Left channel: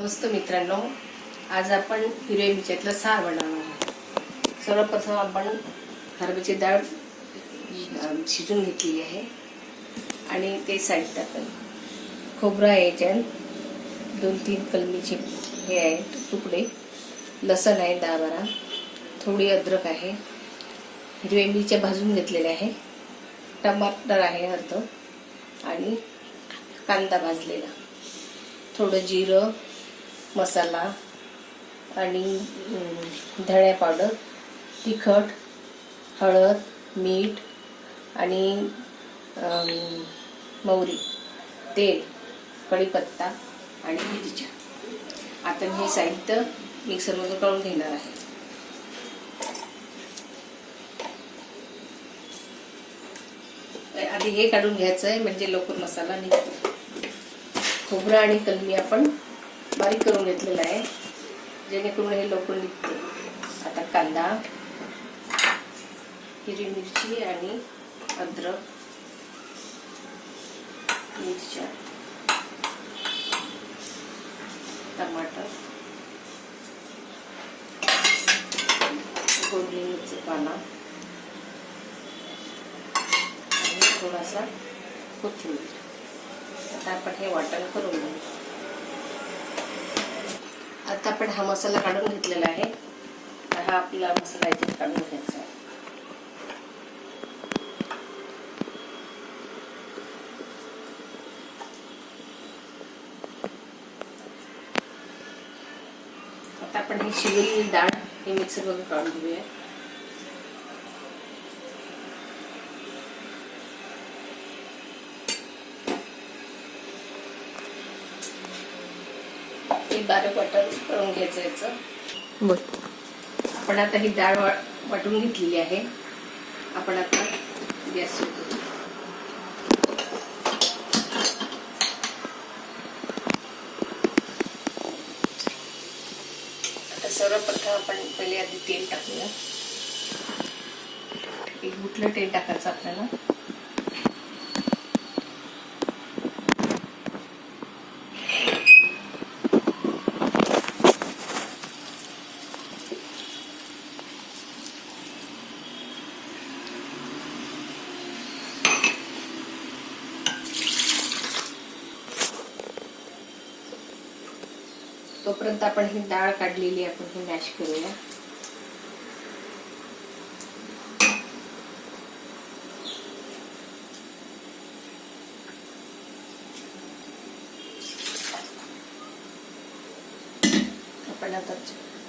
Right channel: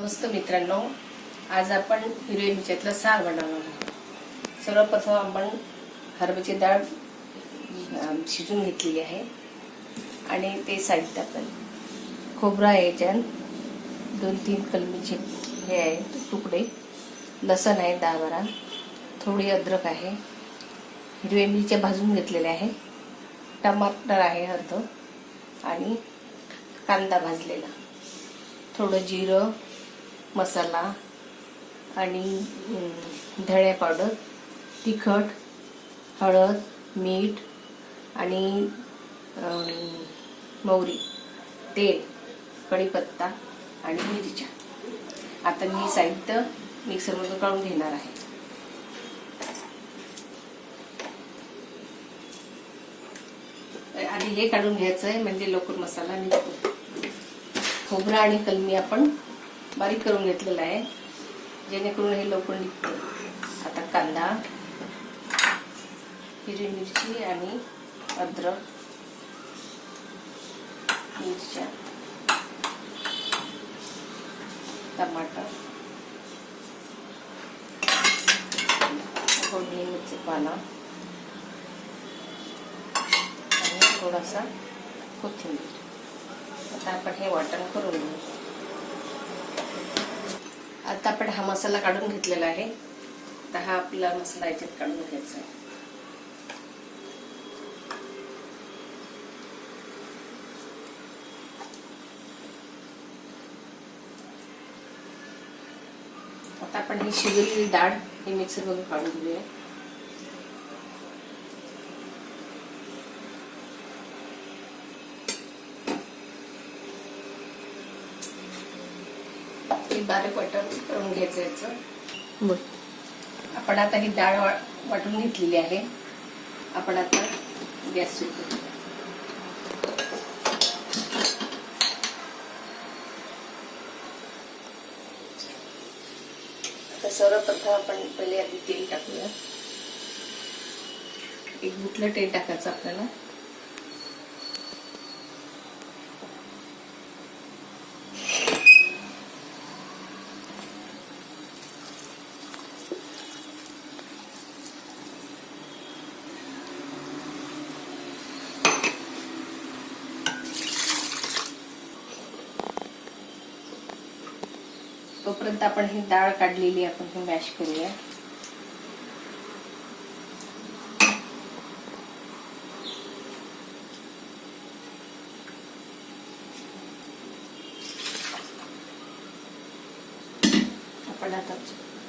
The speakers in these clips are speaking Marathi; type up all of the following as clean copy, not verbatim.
नमस्ते मित्रांनो, आज आपण हिरव्या मिरच्यातलं सार बनवणार आहोत। सर्वप्रथम आपण हरभऱ्याची डाळ शिजून घेतलेली आहे आणि ते साईडला खोबरं आहे, याच्यात 2-3 कलमीचे हे आहेत तुकडे, लसण आहे 10-12, थोडी अद्रक आहे, हिरव्या मिरच्या भाजून घेतलेल्या आहे, टमाटर आहे अर्ध आणि कांदा भाजलेला, थोडं जिरं, मसाला आणि धणे पावडर, तिखट, हळद, मीठ आणि मोहरी, तेल, कढीपत्ता आणि मिरच्या। आता मी हे साहित्य मिक्सरमधून काढून घेणार आहे। आधी हे काढून घ्यायचं आहे म्हणजे लवकर मसाला निघतो। खोबरं आणि कलमी आपण बारीक करून घेतलेला आहे जेणेकरून हे लवकर निघते। आता कांदा, हिरवी मिरची आणि अद्रक, मिरच्या, टमाटर, फोडणीचा पाला आणि थोडासा कोथिंबीर। आता आपण हे वाटण करून घेऊ। आता आपण हा मसाला काढून घेतलेला आहे, तर हा आपला मसाला याच्यात काढून घ्यायचा आहे। आता आपण ही शिजलेली डाळ हे मिक्सरमधून काढून घेऊया। बारीक वाटण करून घ्यायचं याचं। बोल। आपण आता ही डाळ वाटून घेतलेली आहे। आपण आता गॅस सुरू करू। आता सर्वप्रथम आपण पहिले आधी तेल टाकूया। एक गुठलं तेल टाकायचं आपल्याला। तोपर्यंत आपण ही डाळ काढलेली आपण ही मॅश करूया। आपण आता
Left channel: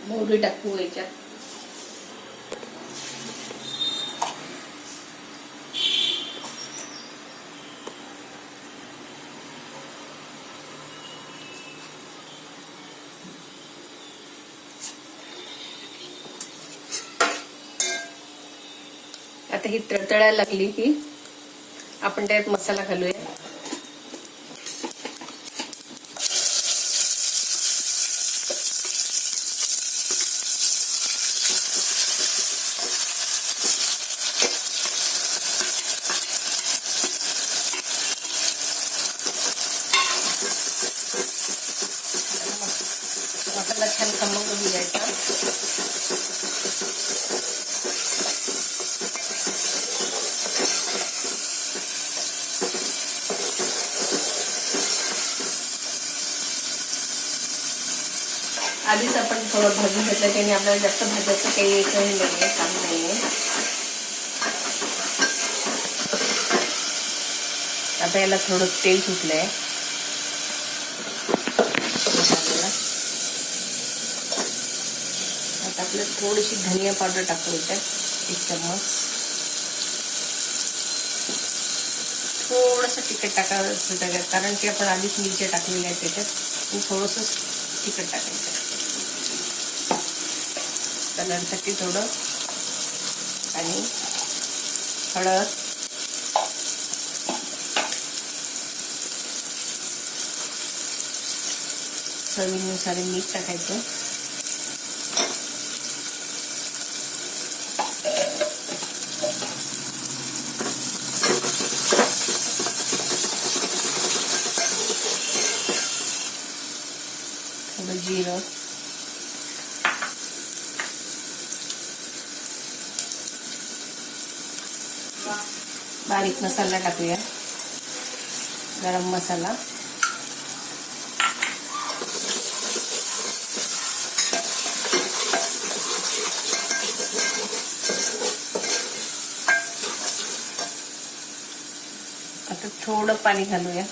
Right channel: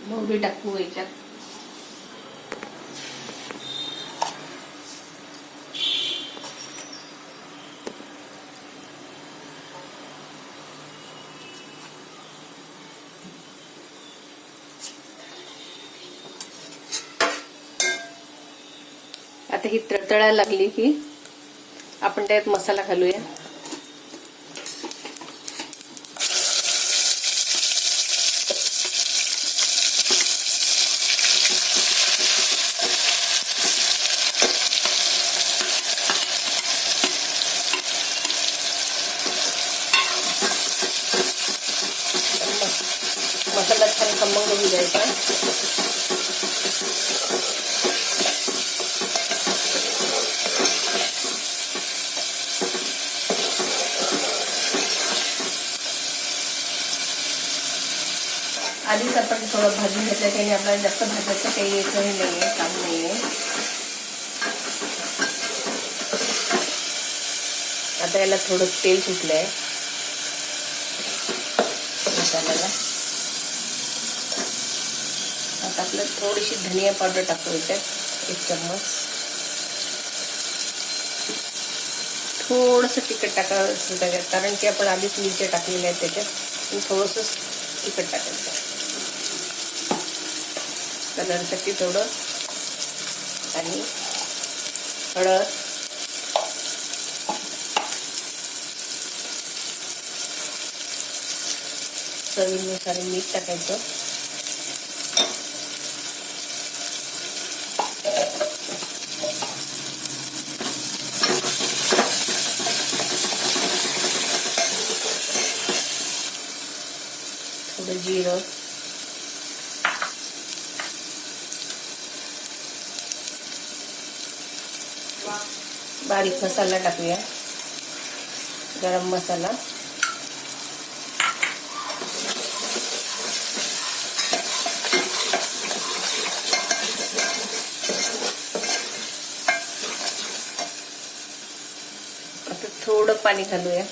मोहरी टाकू याच्यात। आता ही तळतळायला लागली की आपण त्यात मसाला घालूया। मसाला छान खमंग होऊ द्यायचा। आधीच आपण थोडं भाजून घेतलं त्याने आपल्याला जास्त भाजायचं काही एकही नाहीये, काम नाहीये। आता याला थोडं तेल सुटलंय मसाल्याला। आता आपलं थोडीशी धनिया पावडर टाकू याच्यात 1 चम्मच। थोडंसं तिखट टाकायचं कारण की आपण आधीच मिरच्या टाकलेल्या आहेत त्याच्यात, थोडंसं तिखट टाकायचं कलरसाठी थोडं, आणि हळद, चवीनुसार मीठ टाकायचं। थोडं जिरं, बारीक मसाला टाकूया, गरम मसाला, आता थोडं पाणी घालूया.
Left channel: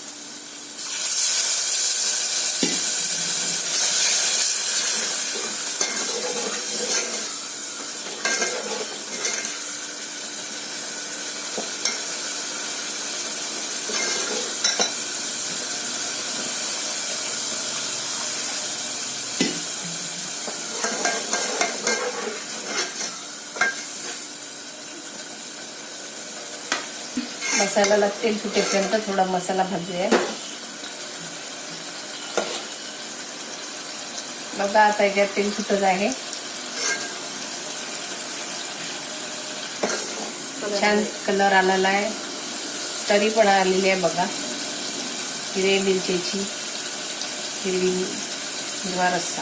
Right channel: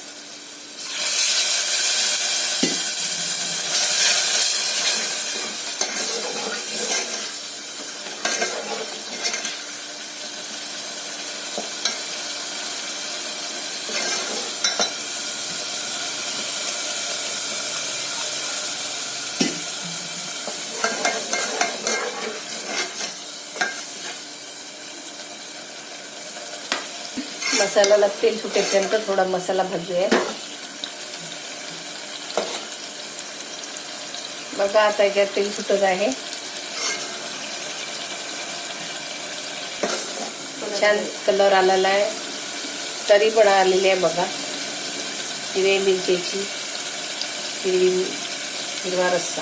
मसाल्याला तेल सुटेपर्यंत थोडा मसाला भाजूया. बघा आता याच्यात तेल सुटत आहे. छान कलर आलेला आहे, तरी पण आलेली आहे बघा. हिरवी मिरचीची हिरवा रस्सा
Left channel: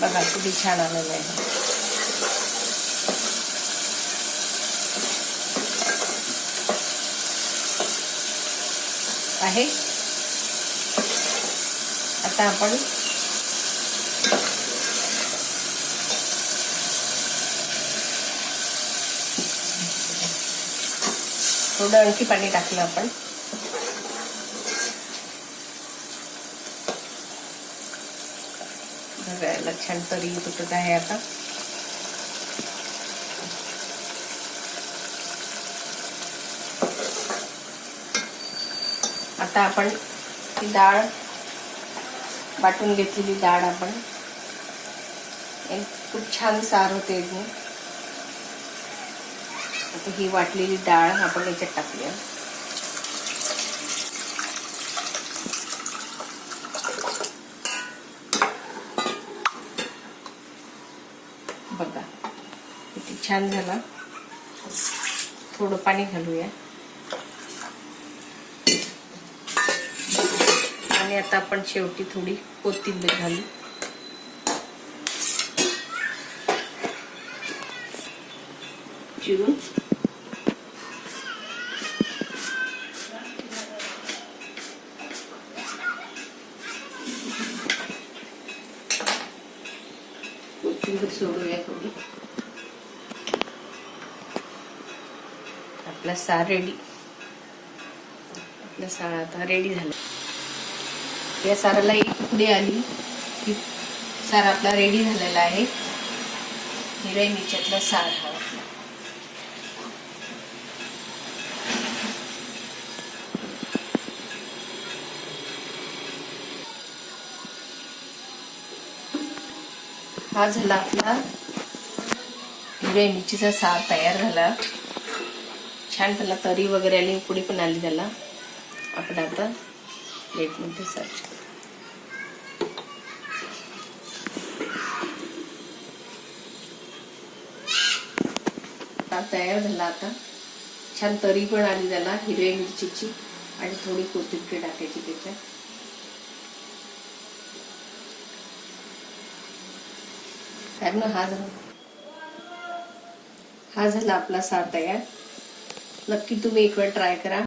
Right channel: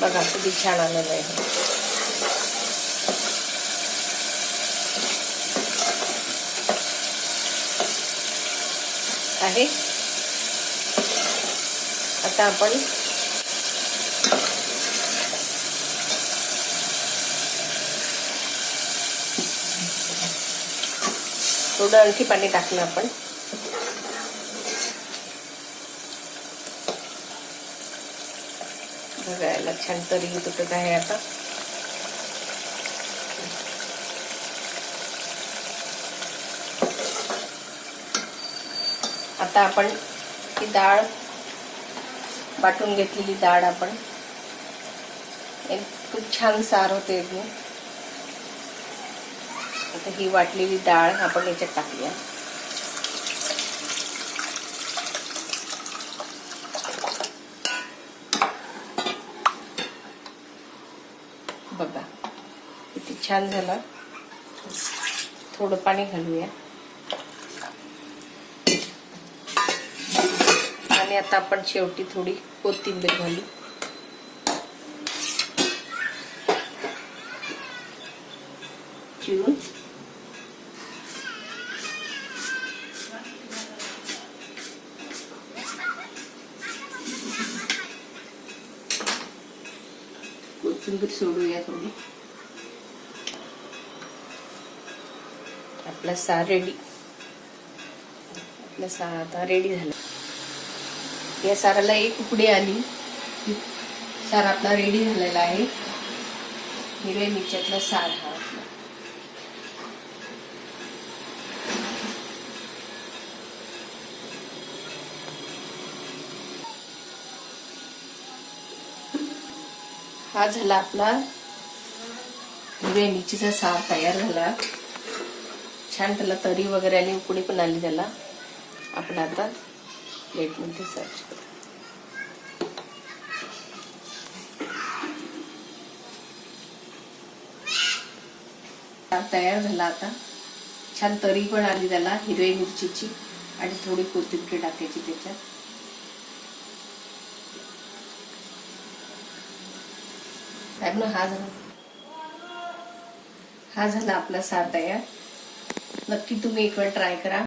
बघा किती छान आलेला आहे. आता आपण थोडं आणखी पाणी टाकलं आपण. बघायला छान तरी तुटत आहे. आता आपण ही डाळ वाटून घेतलेली डाळ आपण खूप छान सार होते एकदम. आता ही वाटलेली डाळ आपण याच्यात टाकूया. बघा किती छान झाला. थोडं पाणी घालूया आणि आता आपण शेवटी थोडी कोथिंबीर घालू. चिरून कोथिंबीर सोडूया थोडी. आपला सार रेडी. आपला सार आता रेडी झाला. या साराला एक उकडी आली की सार आपला रेडी झालेला आहे. हिरव्या मिरच्यातला सार हा आपला. हा झाला आपला हिरव्या मिरचीचा सार तयार झाला. छान त्याला तरी वगैरे आली, उकडी पण आली त्याला. आपण आता प्लेटमध्ये सर्व करू. तयार झाला. आता छान तरी पण आली त्याला हिरव्या मिरचीची आणि थोडी कोथिंबीर टाकायची त्याच्यात. हा झाला आपला सार तयार. नक्की तुम्ही एक वेळ ट्राय करा.